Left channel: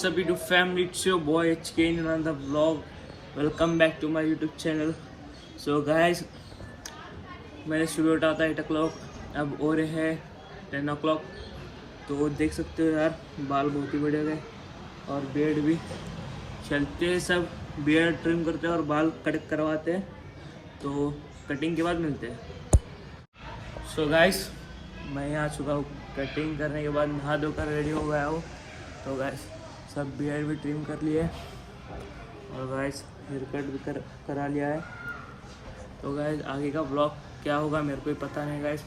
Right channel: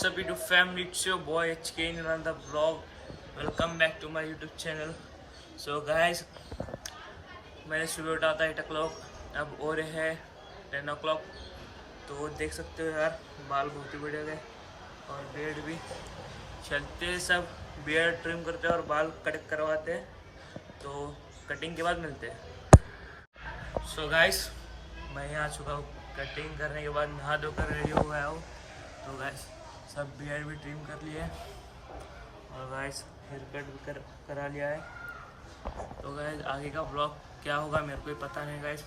what's up YouTube family, it's your boy HK in another vlog. Welcome back to my YouTube channel. So guys, मैंने सुबह उठा था 8 o'clock, अब हो रहे हैं 10 o'clock. तो देख सकते हो यार, बाल बहुत ही बड़े गए और बियर्ड भी. चलते सब बियर्ड ट्रिम करते हैं और बाल कट करवाते हैं. तो कटिंग के बाद मिलते हैं. सो गाइस, मैं यहाँ आ चुका हूँ. कटिंग करने के बाद नहा धोकर रेडी हो गया हूँ. तो गाइस सब बियर्ड भी ट्रिम कर लिए और गाइस हेयर कट भी करा लिया है. तो गाइस आगे का ब्लॉग क्या होगा मेरे को ही पता नहीं. गाइस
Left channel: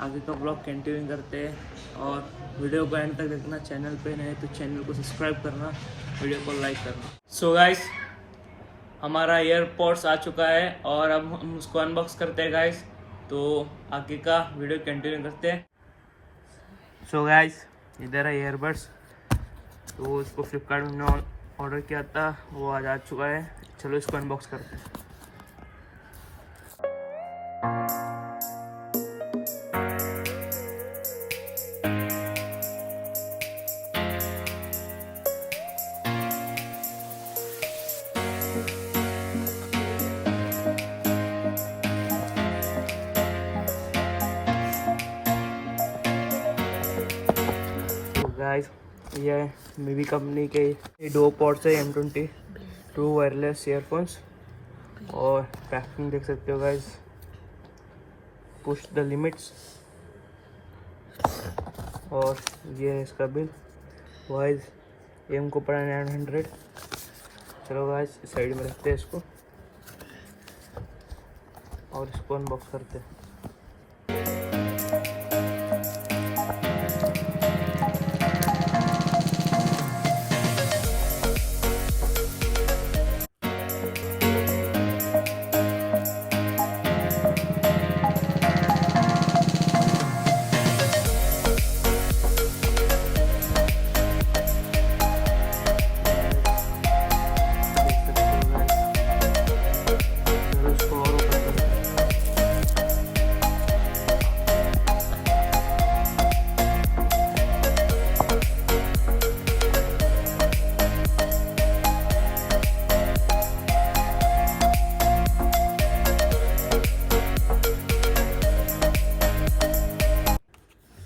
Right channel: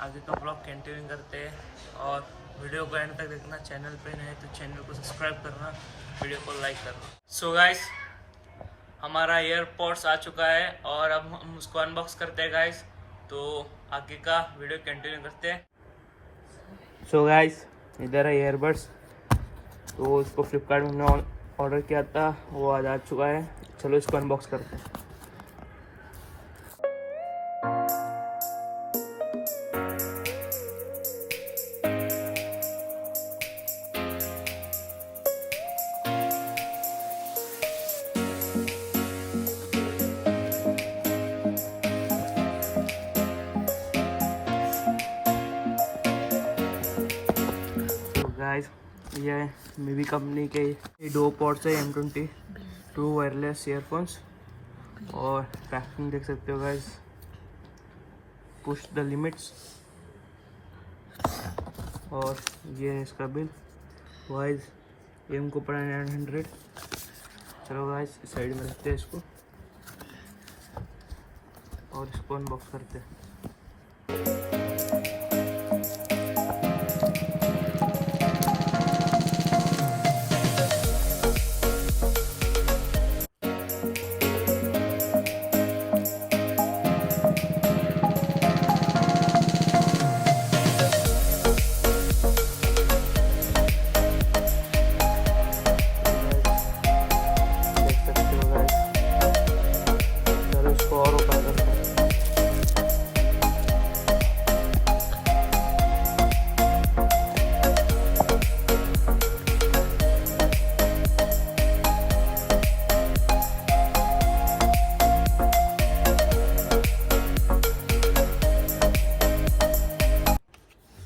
आगे का ब्लॉग कंटिन्यू करते हैं और वीडियो को एंड तक देखना. चैनल पे नए तो चैनल को सब्सक्राइब करना, वीडियो को लाइक करना. सो गाइस हमारा एयरपॉड्स आ चुका है और अब हम उसको अनबॉक्स करते हैं गाइस. तो आगे का वीडियो कंटिन्यू करते हैं. सो गाइस इधर है ईयरबड्स. तो इसको फ्लिपकार्ट में हमने ऑर्डर किया था, वो आज आ चुका है. चलो इसको अनबॉक्स करते हैं. गाइस ये मिवी कंपनी के duopods है M22 वायरलेस ईयरफोन्स. और पैकिंग देख सकते हो गाइस. Push the limits. और ये है इसका बिल. वाइज एम को पड़ा 900. चलो गाइस साइड में रखते हैं इसको और इसको अनबॉक्स करते हैं.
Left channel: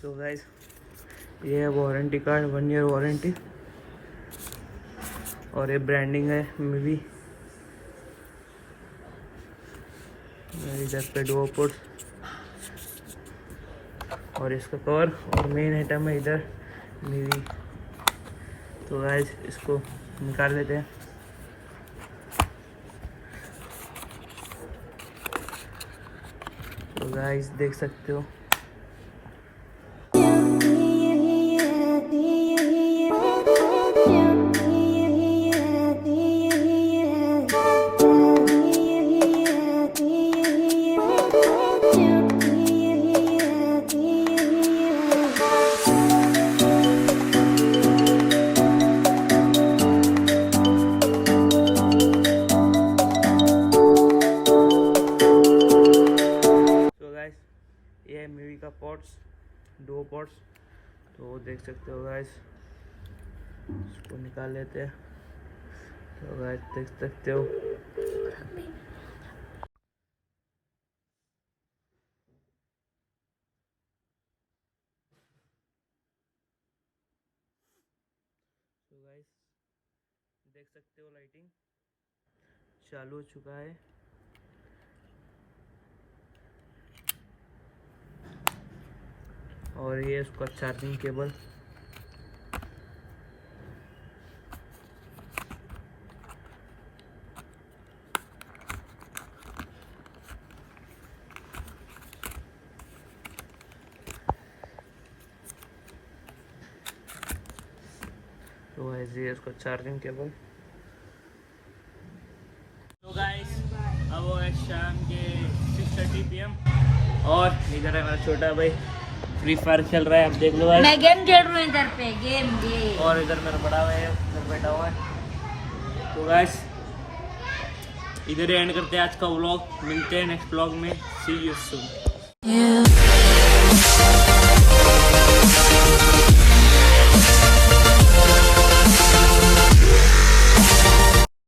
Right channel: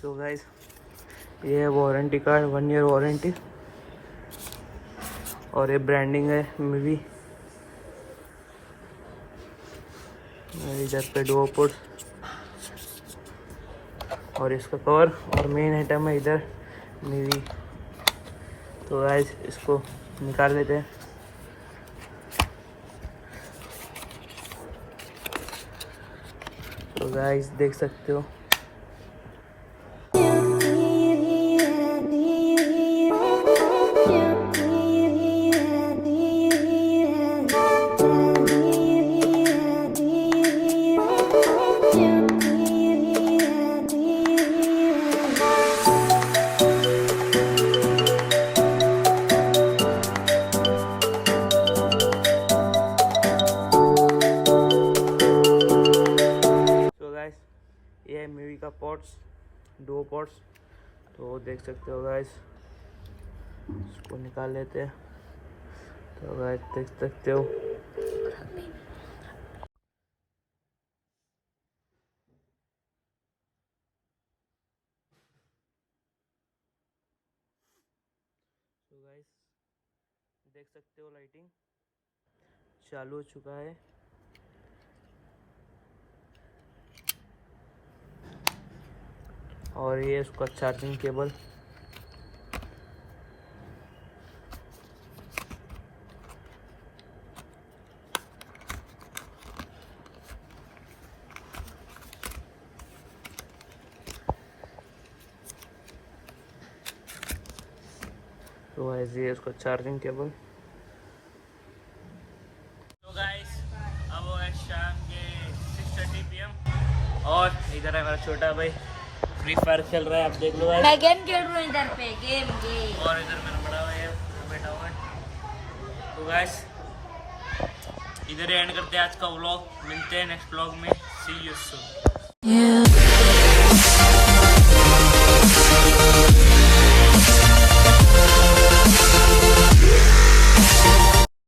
तो गाइस ये वारंटी का है, 1 ईयर वारंटी. और ये ब्रांडिंग है मिवी. इधर पे duopods और इसका कवर. और मेन आइटम है इधर मिवी. तो गाइस इसको निकाल लेते हैं. तो गाइस देख सकते हो ये मिवी का पॉड्स duopods. तो देख सकते हो गाइस, इसको निकाल लेते हैं. तो गाइस देख सकते हो देख सकते हो लाइटिंग चालू हो चुका है. और ये इसका चार्जिंग केबल. तो ऐसे इसका चार्जिंग केबल. तो गाइस अब वो है शाम के 6:30 PM और इधर है मेरा छोटा भाई फ्री फायर खेल रहा है. अब देख लो गाइस, मैं गेम खेल रहा हूँ इधर पे गेम. और इधर मेरा बड़ा भाई है, इधर बैठा हुआ है. तो गाइस इधर ही एंड करते हैं आज का व्लॉग. मिलते हैं नेक्स्ट व्लॉग में. सी यू सून.